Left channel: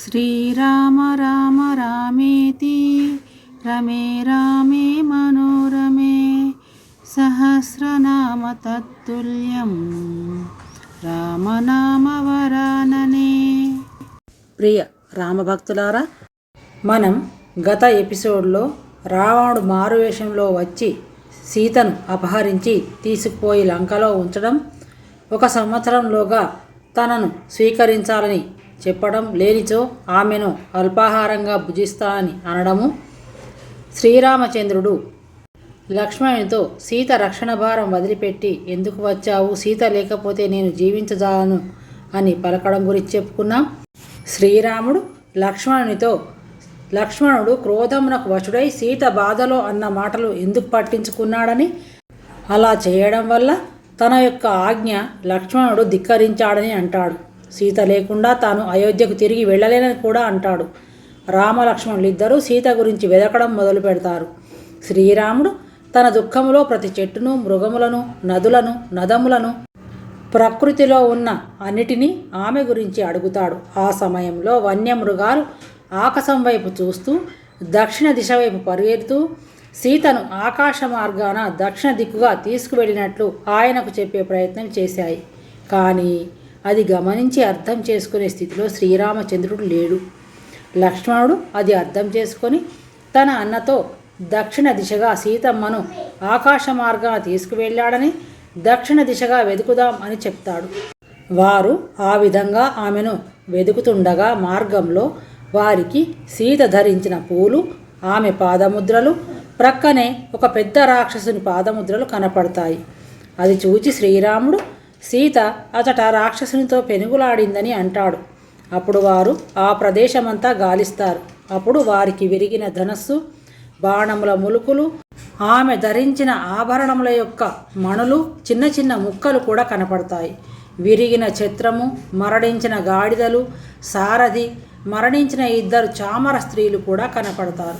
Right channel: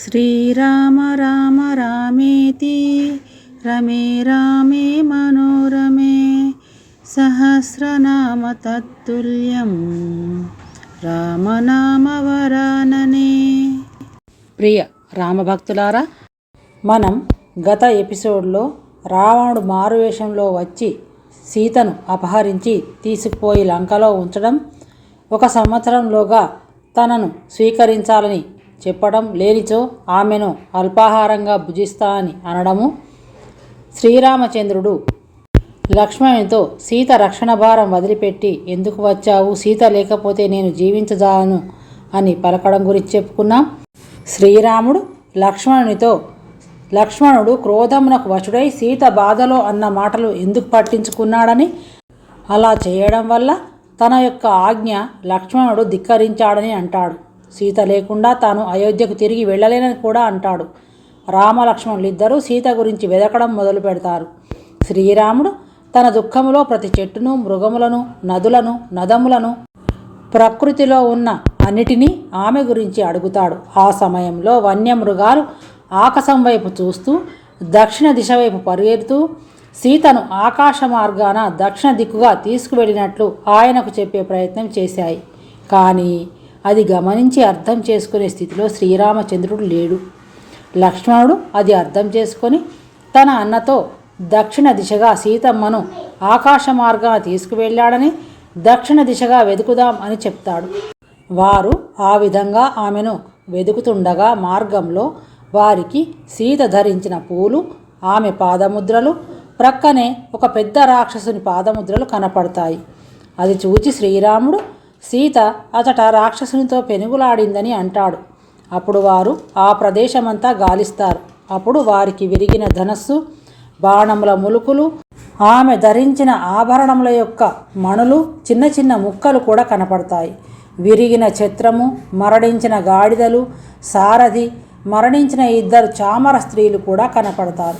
శ్రీరామ రామ రామేతి రమే రామే మనోరమే సహస్రనామ తత్తుల్యం రామనామవరాననే ప్రియ రామభక్తులారా మనం గత ఎపిసోడ్లో రావణుడు మారువేషంలో వచ్చి సీతను అపహరించి తీసుకుపోయి లంకలో ఉంచడం ఒక సంవత్సరంలోగా తనను స్వీకరించాలని చెప్పడం లేనిచో ఆమెను అల్పాహారంగా భుజిస్తా అని అనడము శ్రీరామచంద్రుడు. లక్ష్మణునితో సీత రక్షణ భారం వదిలిపెట్టి ఎందుకు వచ్చావు? సీత లేకపోతే నేను జీవించదాను అని పలకడం గురించి చెప్పుకున్నాం శ్రీరాముడు లక్ష్మణునితో లక్ష్మణుడు క్రోధమునకు వశుడై సీత బాధలో అన్న మాటలు ఎందుకు పట్టించుకున్నాడని? అలా చేయడం వల్ల తన యొక్క ఆజ్ఞ లక్ష్మణుడు ధిక్కరించాడని అంటాడు. సీత లేకుండా తాను అయోధ్యకు తిరిగి వెళ్ళలేనని కూడా అంటాడు. రామలక్ష్మణులు ఇద్దరూ సీత గురించి వెదకడం మొదలు పెడతారు. శ్రీరాముడు తన దుఃఖములో ప్రతి చెట్టును మృగములను నదులను నదములను ప్రకృతిలో ఉన్న అన్నిటినీ ఆమె గురించి అడుగుతాడు. ఆ సమయంలో వన్యమృగాలు ఆకాశం వైపు చూస్తూ దక్షిణ దిశ వైపు పరిగెడుతూ సీతను ఆకాశ మార్గాన దక్షిణ దిక్కుగా తీసుకువెళ్ళినట్లు ఆయనకు చెప్పే ప్రయత్నం చేశాయి. కానీ అది గమనించి అర్థం చేసుకునే స్థితిలో శ్రీరామచంద్రుడు లేడు. లక్ష్మణుడు అది అర్థం చేసుకొని తన అన్నతో దక్షిణ దిశగా సీతమ్మను ఆకాశ మార్గాన తీసుకువెళ్ళాడని దక్షిణ దిశగా వెతుకుదాం అని చెప్తాడు. వారు ఆ విధంగా ఆమెను వెతుకుతుండగా మార్గంలో వారికి సీత ధరించిన పూలు ఆమె పాదముద్రలు ప్రక్కనే ఒక పెద్ద రాక్షసుని పాదముద్రలు కనపడతాయి. అది చూచి శ్రీరాముడు సీత అతట రాక్షసునితో పెనుగులాడిందని అంటాడు. అప్పుడు వారు ఆ ప్రదేశమంతా గాలిస్తారు. అప్పుడు వారికి విరిగిన ధనస్సు బాణముల ములుకులు ఆమె ధరించిన ఆభరణముల యొక్క మణులు చిన్న చిన్న ముక్కలు కూడా కనపడతాయి. విరిగిన చిత్రము మరణించిన గాడిదలు సారథి మరణించిన ఇద్దరు చామర స్త్రీలు కూడా కనపడతారు.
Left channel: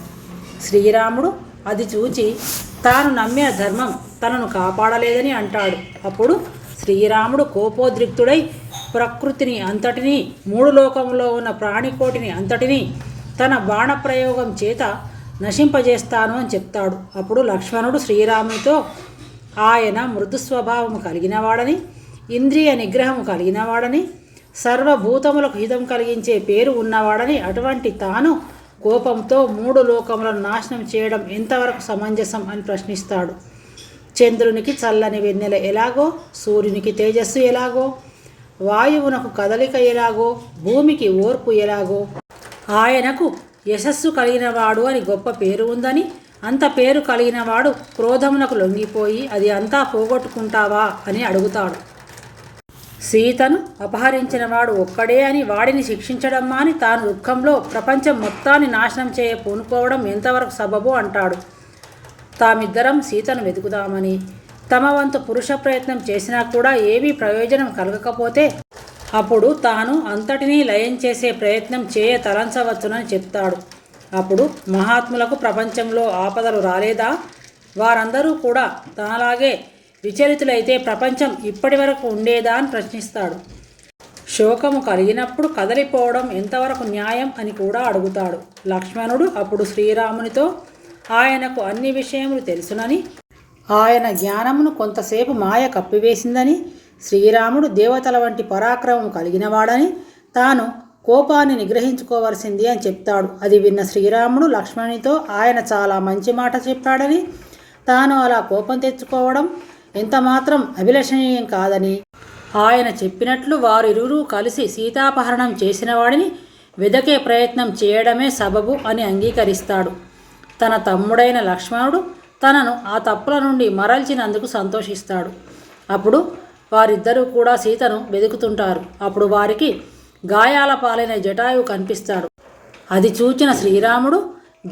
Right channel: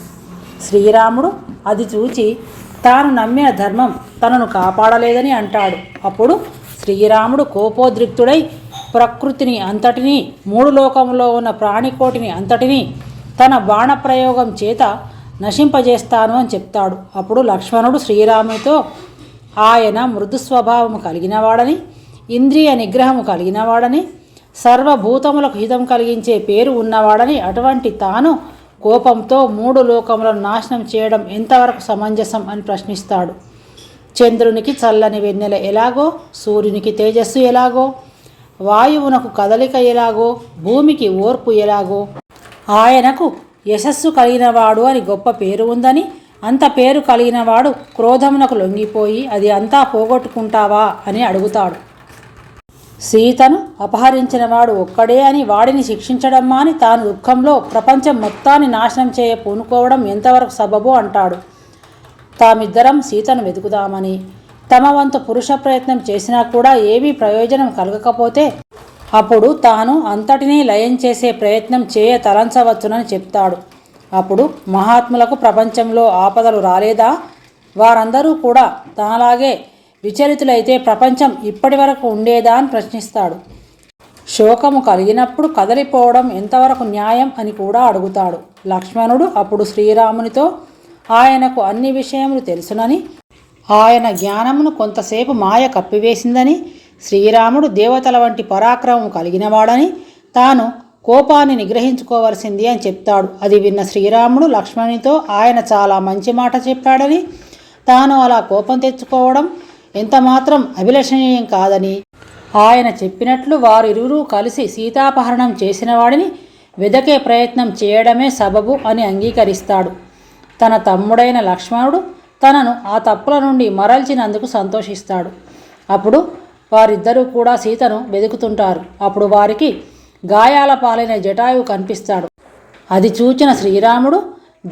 శ్రీరాముడు అది చూచి తాను నమ్మిన ధర్మం తనను కాపాడలేదని అంటాడు. అప్పుడు శ్రీరాముడు కోపోద్రిక్తుడై ప్రకృతిని అంతటినీ మూడు లోకంలో ఉన్న ప్రాణికోటిని అంతటినీ తన బాణప్రయోగం చేత నశింపజేస్తాను అని చెప్తాడు. అప్పుడు లక్ష్మణుడు శ్రీరామునితో ఆయన మృదు స్వభావము కలిగినవాడని ఇంద్రియ నిగ్రహము కలిగినవాడని సర్వభూతములకు హితం కలిగించే పేరు ఉన్నవాడని అటువంటి తాను కోపంతో మూడు లోకములను నాశనం చేయడం ఎంతవరకు సమంజసం అని ప్రశ్నిస్తాడు. చంద్రునికి చల్లని వెన్నెల ఎలాగో సూర్యునికి తేజస్సు ఎలాగో వాయువునకు కదలిక ఎలాగో భూమికి ఓర్పు ఎలాగో ఆయనకు యశస్సు కలిగినవాడు అని గొప్ప పేరు ఉందని అంత పేరు కలిగినవాడు క్రోధమునకు లొంగిపోయి అది అంతా పోగొట్టుకుంటావా అని అడుగుతాడు. సీతను అపహరించినవాడు ఒక్కడే అని వాడిని శిక్షించడం మాని తాను దుఃఖంలో ప్రపంచం మొత్తాన్ని నాశనం చేయ పూనుకోవడం ఎంతవరకు సబబు అంటాడు. తామిద్దరం సీతను వెతుకుదామని. తమ వంతు పురుష ప్రయత్నం చేసినా కూడా ఏమీ ప్రయోజనం కలగకపోతే అప్పుడు తాను అంతటినీ లయం చేసే ప్రయత్నం చేయ తలంచవచ్చునని చెప్తాడు. అప్పుడు మహాత్ములకు ప్రపంచంలో ఆపదలు రాలేదా? వారందరూ కూడా తనలాగే విచలితులైతే ప్రపంచం ఇప్పటి వరకు ఉండేదా అని ప్రశ్నిస్తాడు. శోకము కలిగినప్పుడు కదలిపోవడం ఎంతవరకు న్యాయం అని కూడా అడుగుతాడు. లక్ష్మణుడు అప్పుడు శ్రీరామునితో ఆయనకు అన్ని విషయములు తెలుసునని ఆయన జ్ఞానమును కొంతసేపు మాయ కప్పివేసిందని శ్రీరాముడు దేవతల వంటి పరాక్రమం కలిగినవాడని తాను కోపాన్ని నిగ్రహించుకోవలసింది అని చెప్తాడు. అది విన్న శ్రీరాముడు లక్ష్మణునితో ఆయన చాలా మంచి మాట చెప్పాడని తాను అలా కోపం తెచ్చుకోవడం ఎంతమాత్రం అభిలషణీయం కాదని ఆయన చెప్పినట్లు వారు ఇరువురూ కలిసి సీతాపహరణం చేసిన వాడిని వెదకే ప్రయత్నం చేయడమే సబబు అని అంగీకరిస్తాడు. తన తమ్ముడైన లక్ష్మణుడు తనను ఆ తప్పుల నుండి మరల్చినందుకు సంతోషిస్తాడు. అప్పుడు వారిద్దరూ కూడా సీతను వెతుకుతుంటారు అప్పుడు వారికి గాయాల పాలైన జటాయువు కనిపిస్తాడు. అది చూచిన శ్రీరాముడు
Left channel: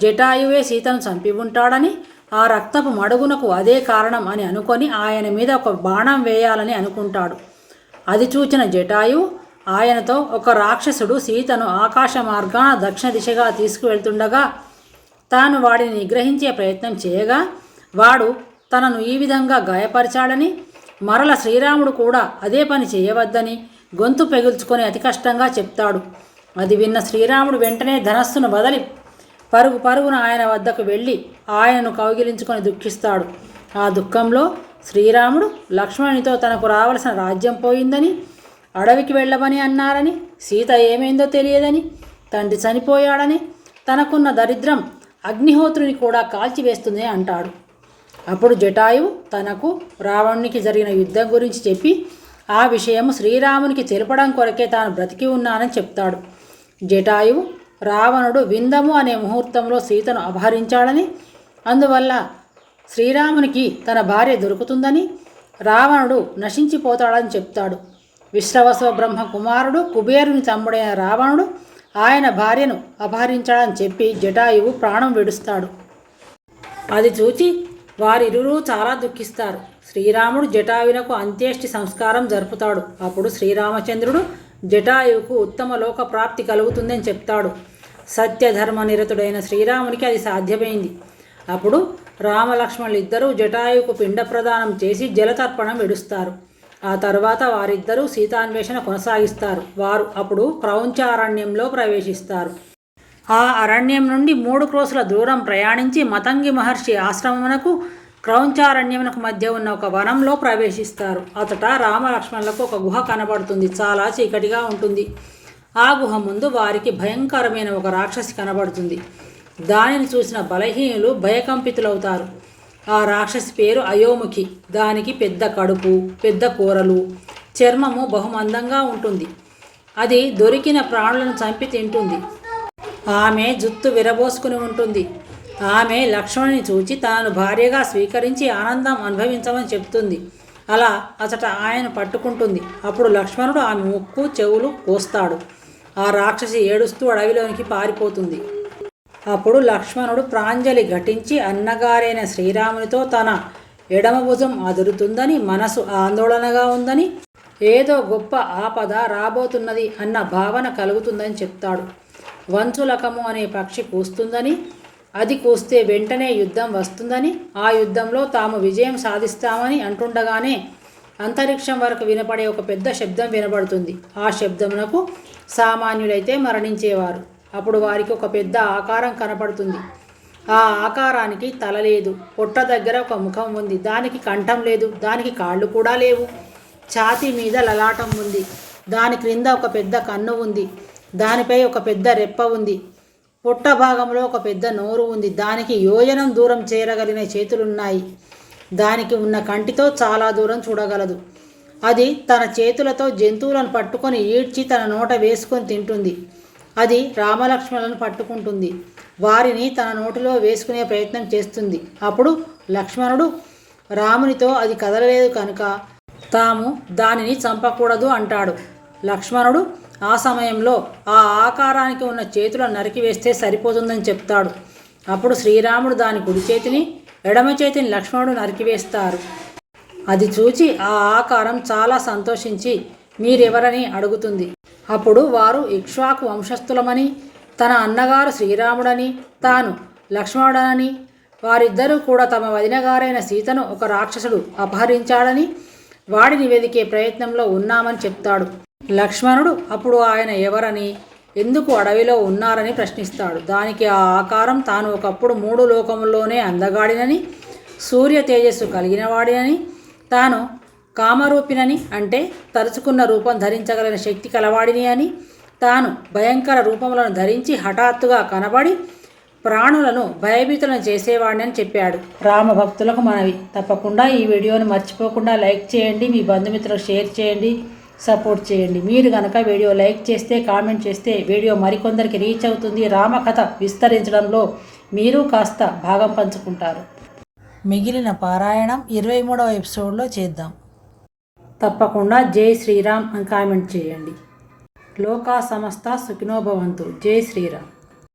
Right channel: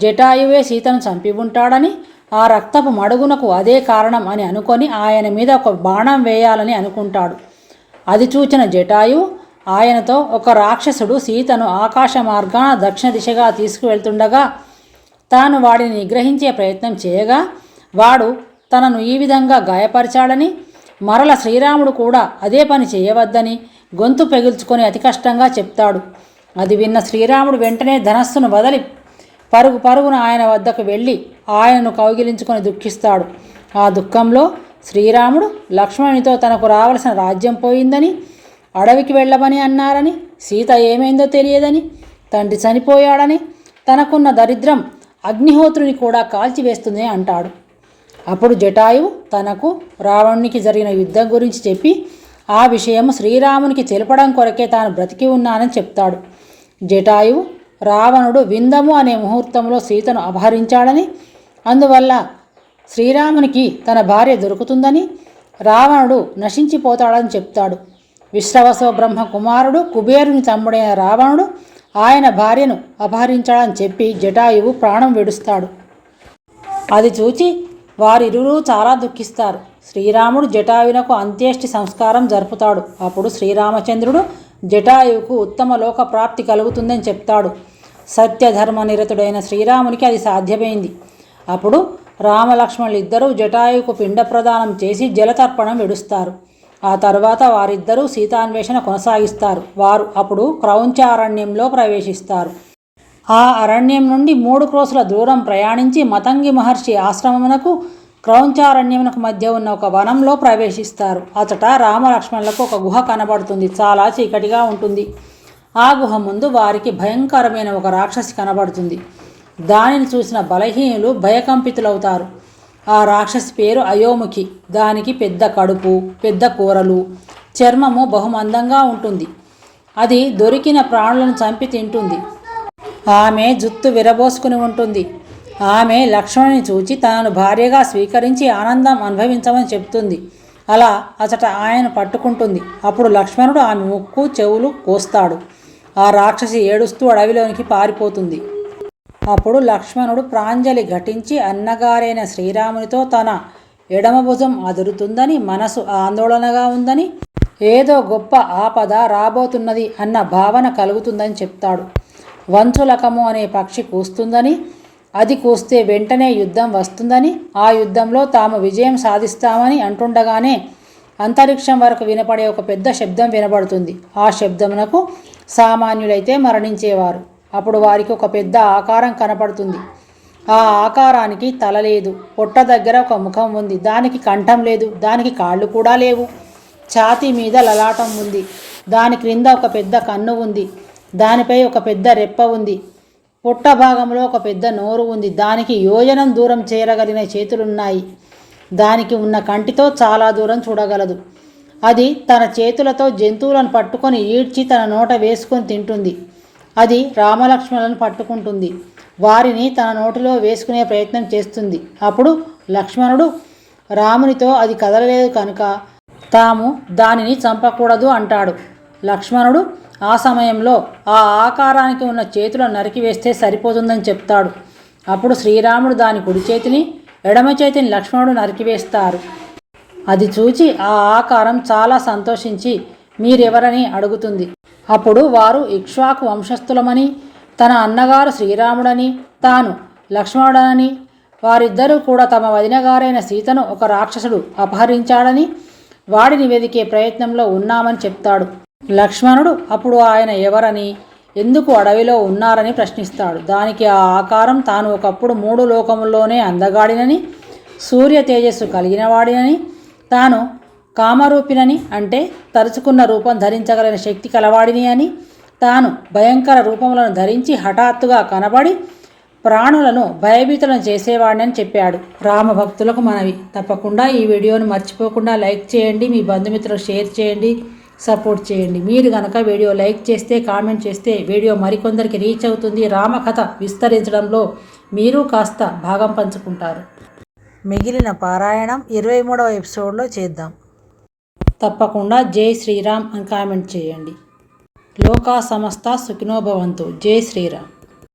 జటాయువే సీతను చంపి ఉంటాడని ఆ రక్తపు మడుగునకు అదే కారణం అని అనుకొని ఆయన మీద ఒక బాణం వేయాలని అనుకుంటాడు. అది చూచిన జటాయు ఆయనతో ఒక రాక్షసుడు సీతను ఆకాశ మార్గాన దక్షిణ దిశగా తీసుకువెళ్తుండగా తాను వాడిని నిగ్రహించే ప్రయత్నం చేయగా వాడు తనను ఈ విధంగా గాయపరిచాడని మరల శ్రీరాముడు కూడా అదే పని చేయవద్దని గొంతు పెగిల్చుకొని అతి కష్టంగా చెప్తాడు. అది విన్న శ్రీరాముడు వెంటనే ధనస్సును వదలి పరుగు పరుగున ఆయన వద్దకు వెళ్ళి ఆయనను కౌగిలించుకొని దుఃఖిస్తాడు. ఆ దుఃఖంలో శ్రీరాముడు లక్ష్మణునితో తనకు రావలసిన రాజ్యం పోయిందని అడవికి వెళ్ళమని అన్నారని సీత ఏమైందో తెలియదని తండ్రి చనిపోయాడని తనకున్న దరిద్రం అగ్నిహోత్రుని కూడా కాల్చివేస్తుంది అంటాడు. అప్పుడు జటాయువు తనకు రావణునికి జరిగిన యుద్ధం గురించి చెప్పి ఆ విషయం శ్రీరామునికి తెలపడం కొరకే తాను బ్రతికి ఉన్నానని చెప్తాడు. జటాయువు రావణుడు విందము అనే ముహూర్తంలో సీతను అపహరించాడని అందువల్ల శ్రీరామునికి తన భార్య దొరుకుతుందని రావణుడు నశించిపోతాడని చెప్తాడు. విశ్రవసవ బ్రహ్మ కుమారుడు కుబేరుని తమ్ముడైన రావణుడు ఆయన భార్యను అపహరించాడని చెప్పి జటాయువు ప్రాణం విడుస్తాడు. అది చూచి వారిరువురు చాలా దుఃఖిస్తారు. శ్రీరాముడు జటాయువునకు అంత్యేష్టి సంస్కారం జరుపుతాడు. అప్పుడు శ్రీరామచంద్రుడు జటాయువుకు ఉత్తమ లోక ప్రాప్తి కలుగుతుందని చెప్తాడు. సత్యధర్మ నిరతుడైన శ్రీరామునికి అది సాధ్యమైంది. అప్పుడు రామలక్ష్మణులు ఇద్దరూ జటాయువుకు పిండ ప్రదానం చేసి జలతర్పణం విడుస్తారు. ఆ తర్వాత వారిద్దరూ సీతాన్వేషణ కొనసాగిస్తారు. వారు అప్పుడు క్రౌంచారణ్యంలో ప్రవేశిస్తారు. ఆ అరణ్యం నుండి మూడు క్రోసుల దూరం ప్రయాణించి మతంగి మహర్షి ఆశ్రమమునకు క్రౌంచారణ్యమునకు మధ్య ఉన్న ఒక వనంలో ప్రవేశిస్తారు. అతట రామలక్ష్మణులకు ఒక గుహ కనబడుతుంది. చాలా చీకటిగా ఉంటుంది. ఆ గుహ ముందు వారికి భయంకరమైన ఒక రాక్షసి కనబడుతుంది. దానిని చూసిన బలహీనులు భయకంపితులవుతారు. ఆ రాక్షసి పేరు అయోముఖి. దానికి పెద్ద కడుపు పెద్ద కూరలు చర్మము బహుమందంగా ఉంటుంది. అది దొరికిన ప్రాణులను చంపి తింటుంది. ఆమె జుత్తు విరబోసుకుని ఉంటుంది. ఆమె లక్ష్మణుని చూచి తనను భార్యగా స్వీకరించి ఆనందం అనుభవించమని చెప్తుంది. అలా అతట ఆయన పట్టుకుంటుంది. అప్పుడు లక్ష్మణుడు ఆమె ముక్కు చెవులు కోస్తాడు. ఆ రాక్షసి ఏడుస్తూ అడవిలోనికి పారిపోతుంది. అప్పుడు లక్ష్మణుడు ప్రాంజలి ఘటించి అన్నగారైన శ్రీరామునితో తన ఎడమ భుజం అదురుతుందని మనసు ఆందోళనగా ఉందని ఏదో గొప్ప ఆపద రాబోతున్నది అన్న భావన కలుగుతుందని చెప్తాడు. వంచులకము అనే పక్షి కూస్తుందని అది కూస్తే వెంటనే యుద్ధం వస్తుందని ఆ యుద్ధంలో తాము విజయం సాధిస్తామని అంటుండగానే అంతరిక్షం వరకు వినపడే ఒక పెద్ద శబ్దం వినబడుతుంది. ఆ శబ్దమునకు సామాన్యులైతే మరణించేవారు. అప్పుడు వారికి ఒక పెద్ద ఆకారం కనపడుతుంది. ఆ ఆకారానికి తల లేదు. పొట్ట దగ్గర ఒక ముఖం ఉంది. దానికి కంఠం లేదు. దానికి కాళ్ళు కూడా లేవు. ఛాతీ మీద లలాటం ఉంది. దాని క్రింద ఒక పెద్ద కన్ను ఉంది. దానిపై ఒక పెద్ద రెప్ప ఉంది. పొట్ట భాగంలో ఒక పెద్ద నోరు ఉంది. దానికి యోజనం దూరం చేరగలిగిన చేతులున్నాయి. దానికి ఉన్న కంటితో చాలా దూరం చూడగలదు. అది తన చేతులతో జంతువులను పట్టుకొని ఈడ్చి తన నోట వేసుకొని తింటుంది. అది రామలక్ష్మణులను పట్టుకుంటుంది. వారిని తన నోటిలో వేసుకునే ప్రయత్నం చేస్తుంది. అప్పుడు లక్ష్మణుడు రామునితో అది కదలలేదు కనుక తాము దానిని చంపకూడదు అంటాడు. లక్ష్మణుడు ఆ సమయంలో ఆ ఆకారానికి ఉన్న చేతులను నరికివేస్తే సరిపోతుందని చెప్తాడు. అప్పుడు శ్రీరాముడు దాని కుడి చేతిని ఎడమ చేతిని లక్ష్మణుడు నరికివేస్తారు అది చూచి ఆ ఆకారం చాలా సంతోషించి మీరెవరని అడుగుతుంది. అప్పుడు వారు ఇక్ష్వాకు వంశస్థులమని తన అన్నగారు శ్రీరాముడని తాను లక్ష్మణుడనని వారిద్దరూ కూడా తమ వదినగారైన సీతను ఒక రాక్షసుడు అపహరించాడని వాడిని వెదికే ప్రయత్నంలో ఉన్నామని చెప్తాడు. లక్ష్మణుడు అప్పుడు ఆయన ఎవరని ఎందుకు అడవిలో ఉన్నారని ప్రశ్నిస్తాడు. దానికి ఆ ఆకారం తాను ఒకప్పుడు మూడు లోకముల్లోనే అందగాడినని సూర్య తేజస్సు కలిగినవాడినని తాను కామరూపినని అంటే తరుచుకున్న రూపం ధరించగలిగిన శక్తి కలవాడిని అని. తాను భయంకర రూపములను ధరించి హఠాత్తుగా కనబడి ప్రాణులను భయభీతులను చేసేవాడిని చెప్పాడు. రామభక్తులకు మనవి. తప్పకుండా ఈ వీడియోను మర్చిపోకుండా లైక్ చేయండి మీ బంధుమిత్రులకు షేర్ చేయండి సపోర్ట్ చేయండి. మీరు కనుక వీడియో లైక్ చేస్తే కామెంట్ చేస్తే వీడియో మరికొందరికి రీచ్ అవుతుంది. రామకథ విస్తరించడంలో మీరు కాస్త భాగం పంచుకుంటారు. మిగిలిన పారాయణం ఇరవై మూడవ ఎపిసోడ్లో చేద్దాం. తప్పకుండా జై శ్రీరామ్ అని కామెంట్ చేయండి. లోకా సమస్త సుఖినోభవంతు జై శ్రీరామ్.